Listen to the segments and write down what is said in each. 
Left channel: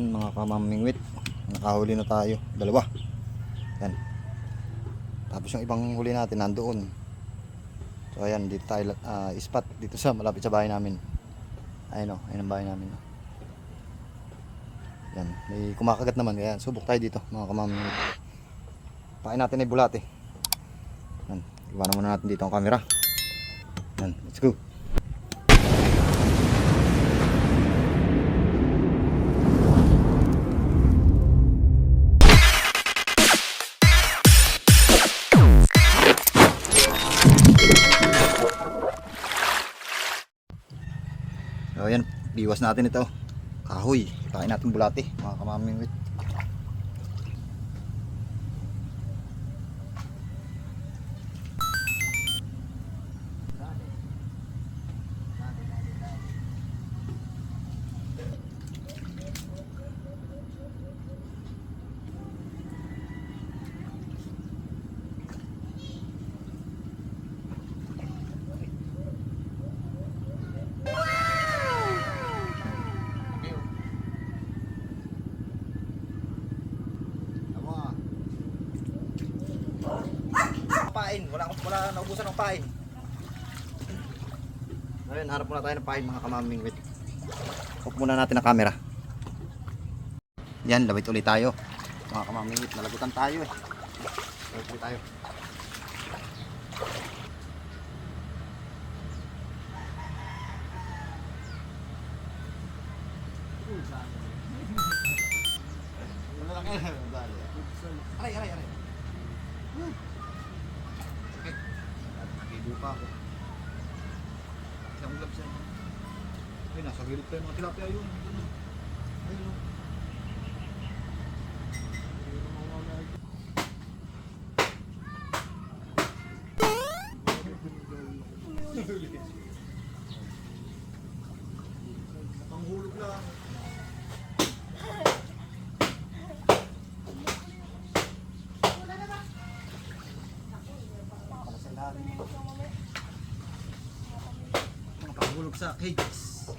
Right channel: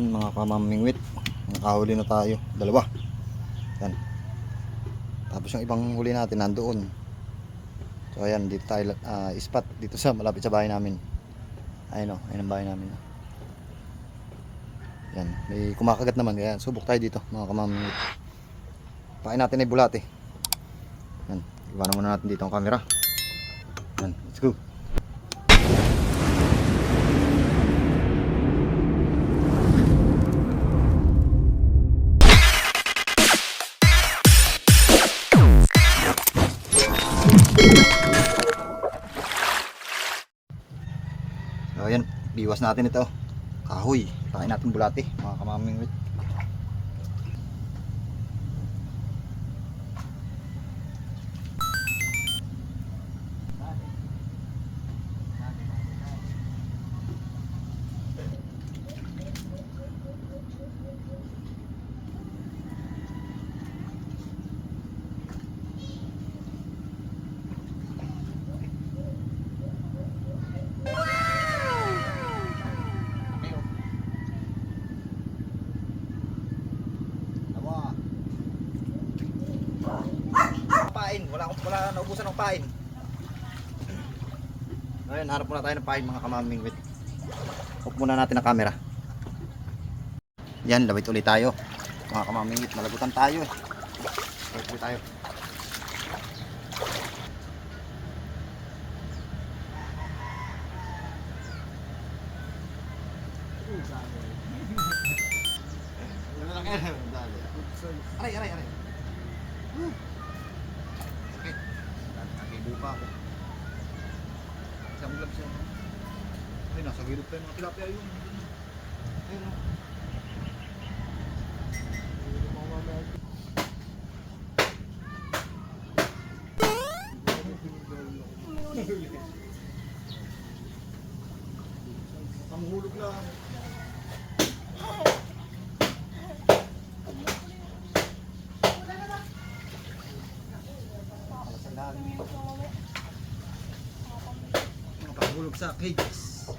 Yan mga kamamingwit, nakahuli na tayo, dalawa. Yan. Tapos yung ibang huli natin nandoon. So ayan, dito tayo spot dito sa malapit sa bahay namin. Ayun o, ayun ang bahay namin. Yan, may kumakagat naman kaya subok tayo dito mga kamamingwit. Pain natin ay bulate. Yan, iwanan muna natin dito ang camera. Yan, let's go. So ayan, biwas natin ito. Kahoy, pain natin bulate mga kamamingwit. Pain, wala naubusan ng pain. Ayun, hanap muna tayo ng pain mga kamamingwit. Off muna natin ang camera. Yan, lawit ulit tayo mga kamamingwit, malagutan tayo eh. Lawit ulit tayo. Aray, aray, aray. Okay. Nakibo pa ako. Kasi ang gloves yan. Ay, nasa gilid pa yung mga tilapia yun. Ayun o. Panghulog lang. Mga panghulog sa cages.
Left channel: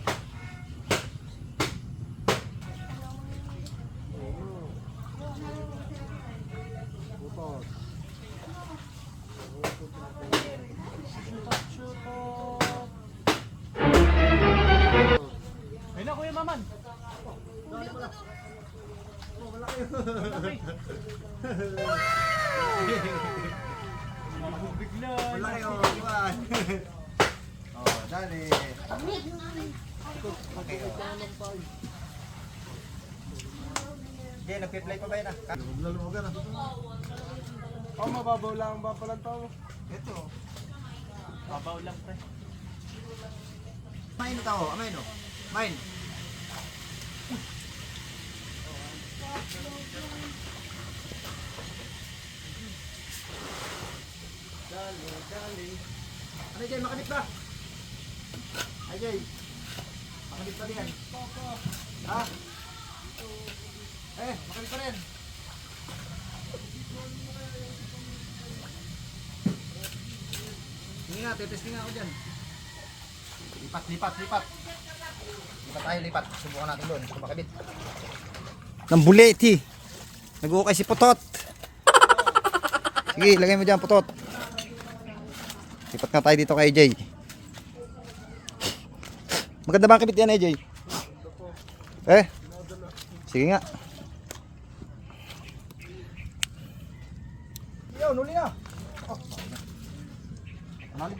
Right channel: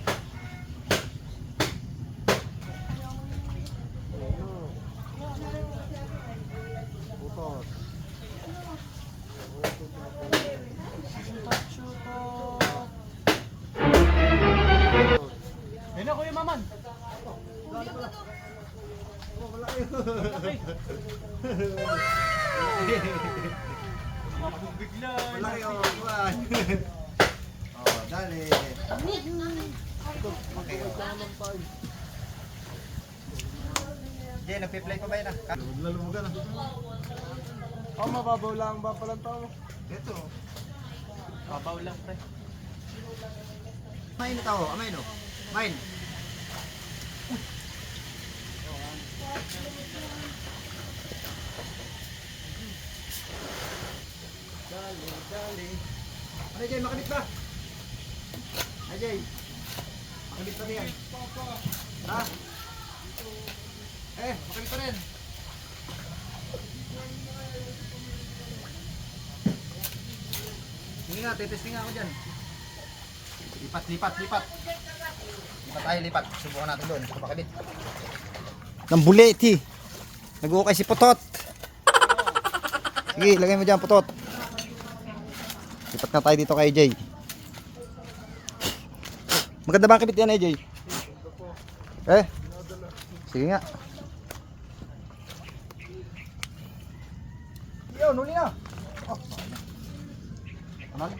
Ayun na Kuya Maman. Bigla. Malaki o, iwan. Oh, dali. Okay o. Jay, nagpi-play pa ba yun ah? Lumog na lumugan ah. Oh, mababaw lang ba palang tao? Ito. Babaw lang pre. Main ito o, amain o. Main. Ano Jay, makabit ba? Ay Jay, makabit pa diyan. Ha? Makabit pa rin. Sige nga, testing nga ako dyan. Lipat, lipat, lipat. Lipat tayo, lipat. Subukan natin doon, kung makabit. Ng buleti. Nag-uukay si Putot. Sige, lagay mo dyan, Putot. Lipat na tayo dito kay Jay. Maganda ba ang kabit yan eh, Jay? Sige nga. Yun, huli na. Oh, ano?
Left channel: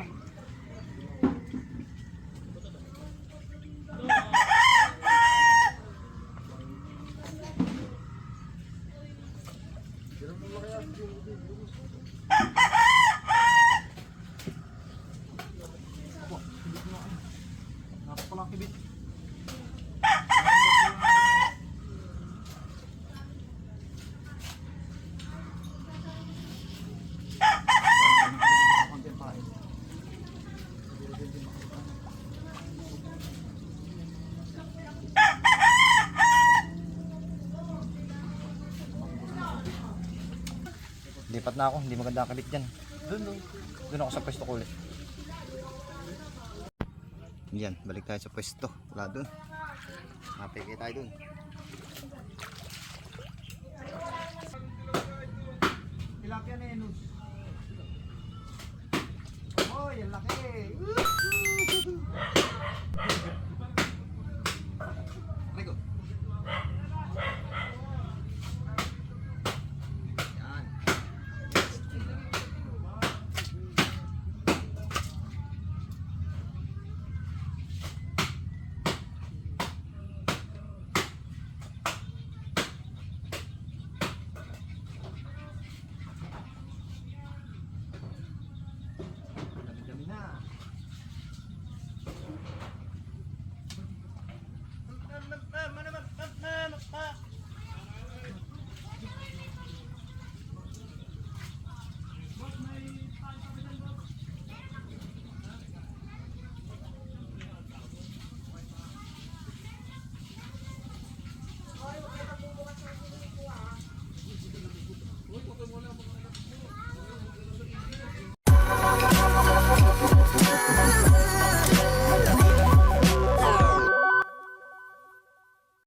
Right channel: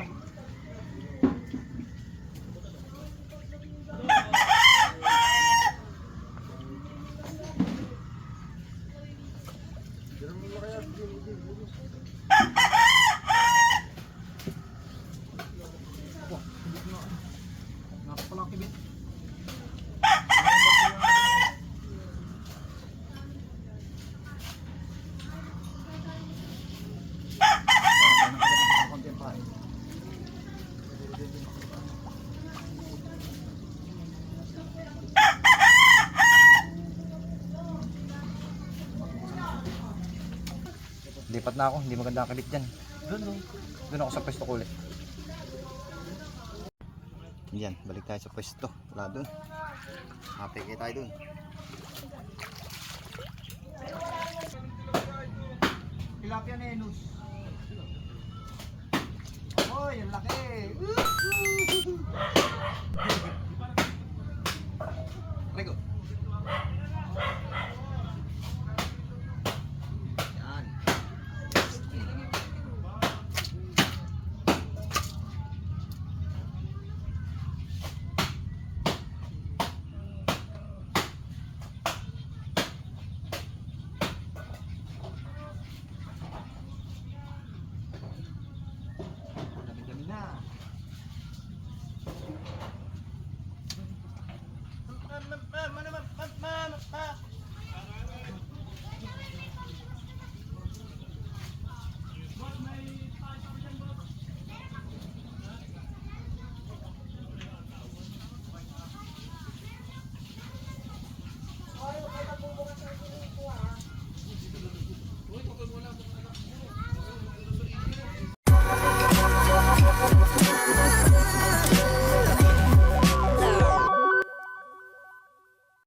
Nakapalakibit. Lipat na ako, hindi maganda ang kabit dyan. Doon ako sa pwesto ko ulit. Yan, balik tayo sa pwesto. Wala doon. Mapeke tayo doon. tilapia nenus. Oh, yung laki. Rico. Yan. Dami-dami na. Mama,